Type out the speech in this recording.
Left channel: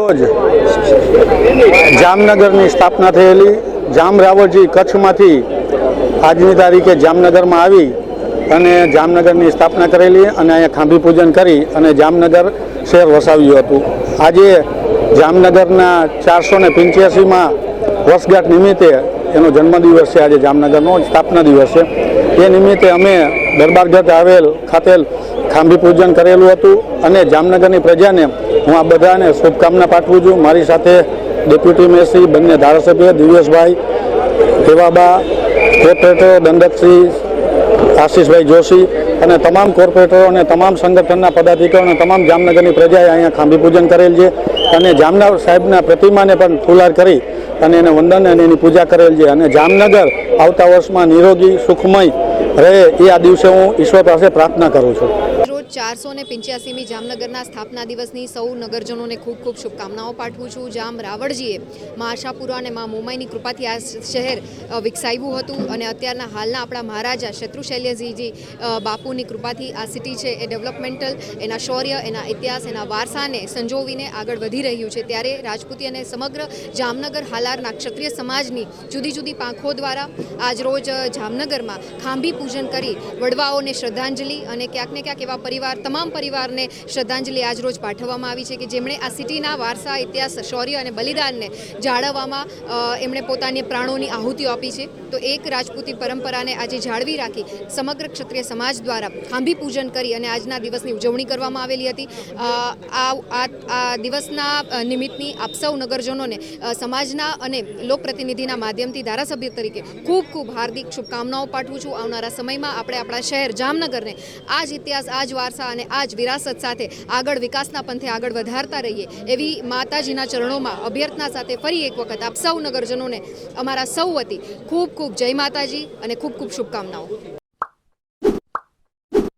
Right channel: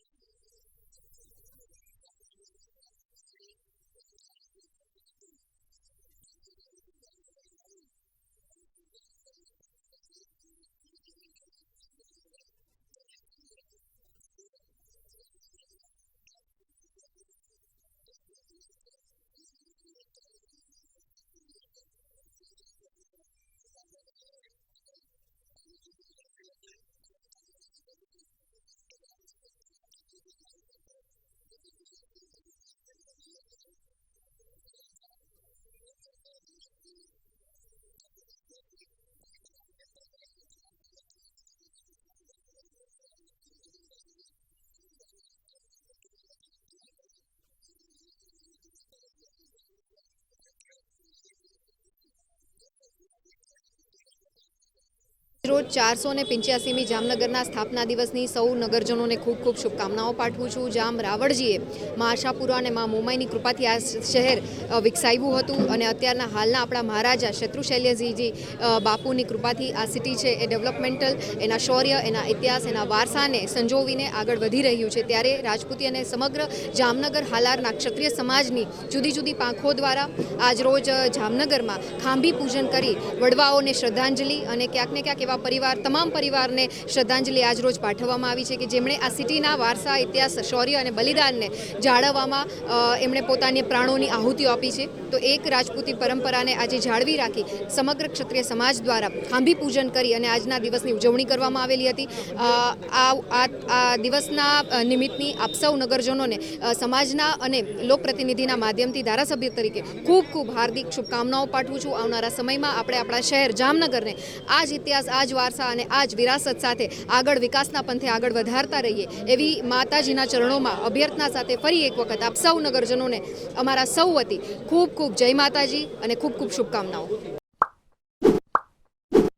રોજ જામનગરની સ્થાપના થયેલી જામ રાવળજી કચ્છમાંથી આજની તારીખે જામનગરમાં આવી અને જામનગરની સ્થાપના કરેલી અને અહીંયા ખાંભી પૂજન કરી અને જામનગર શહેર વસાવ્યું હતું। આજે જામનગરના 485માં વર્ષગાંઠ નિમિત્તે એનો જન્મદિવસ છે। આજે જામનગરનો સ્થાપના દિવસ છે। એ નિમિત્તે અમે દરબારગઢ આવેલ ખાતેલ ખાંભી પૂજન કરેલું હતું અને જામનગરની પ્રજાને હું આ બધાને શુભકામના પાઠવું છું। મારી સાથે ડેપ્યુટી મેયર બંને ધારાસભ્ય દિવ્યેશભાઈ દેવાબા, કોર્પોરેટર દંડકશ્રી આશીષભાઈ જોશી અને તમામ કોર્પોરેટરો અને તમામ સંગઠનના પદાધિકારીઓ અને તમામ જામનગરની પ્રજાએ અહીંયા ખાંભી પૂજન કરેલ છે અને જામનગર સાહેબના પ્રતિમાને પણ ફુલાર કરી અને એને વંદન અને એની પૂજા કરેલ છે અને જામનગર આવતા વર્ષમાં નિરોગી સુખમય રહે એ આ દિવસે હું ઈશ્વર પાસે પ્રાર્થના કરું છું। 485મી જામનગરના સ્થાપના દિવસની સૌ નગરજનોને ખૂબ ખૂબ શુભકામનાઓ પાઠવું છું। જામ રાવળજીએ મા આશાપુરા અને મા મોમાઈની કૃપાથી આ શહેર વિકસાવ્યું હતું અને અત્યારના હાલના આપણા મહારાજા શત્રુશૈલ્યજીજી બાપુની કૃપાથી આ સિટી છે એ ડેવલપમેન્ટલ એના શૌર્ય, એના ઇતિહાસ, એના વારસાને સંજોવીને આગળ વધી રહ્યું છે। ત્યારે રાજપૂતી અને સમગ્ર જામનગર હાલારના ક્ષત્રિય સમાજની જુદી જુદી પાંખો દ્વારા આજરોજ જામનગરમાં ખાંભી પૂજન કરી વડવાઓને શ્રદ્ધાંજલિ અને ક્યાંક ને ક્યાંક એવા તમામ પરિવારને શ્રદ્ધાંજલિ આજરોજ પાઠવવામાં આવી છે કે જેમણે આ સિટીના વારસા, ઇતિહાસ, શૌર્ય અને બલિદાનને જાળવવામાં એમણે પોતાની પ્રાણોની આહુતિઓ આપી છે। તો એક રાજપૂતી પરંપરાને આજે જાળવી રાખી સમગ્ર ક્ષત્રિય સમાજ દ્વારા ખાંભી પૂજન કરી અને આજના દિવસની ઉજવણી કરવામાં આવેલી હતી। આ દિવસના નિમિત્તની આપ સૌ નગરજનોને સમાજના અને લોકપ્રતિનિધિના માધ્યમથી ધારાસભ્ય તરીકે ખૂબ ખૂબ હાર્દિક શુભકામનાઓ પાઠવું છું। આવનારા સમયમાં આપણે આપણા શહેર જામનગરને આ જ ઇતિહાસ, આ જ વારસા અને આ જ વિરાસત સાથે આગળ વિકાસના પંથે આગળ વધારતા રહીએ એવી માતાજીના ચરણોમાં અભ્યર્થના સાથે ફરી એક વખત આપ સૌ નગરજનોને અમારા સૌ વતી ખૂબ ખૂબ જય માતાજી અને ખૂબ ખૂબ શુભકામનાઓ।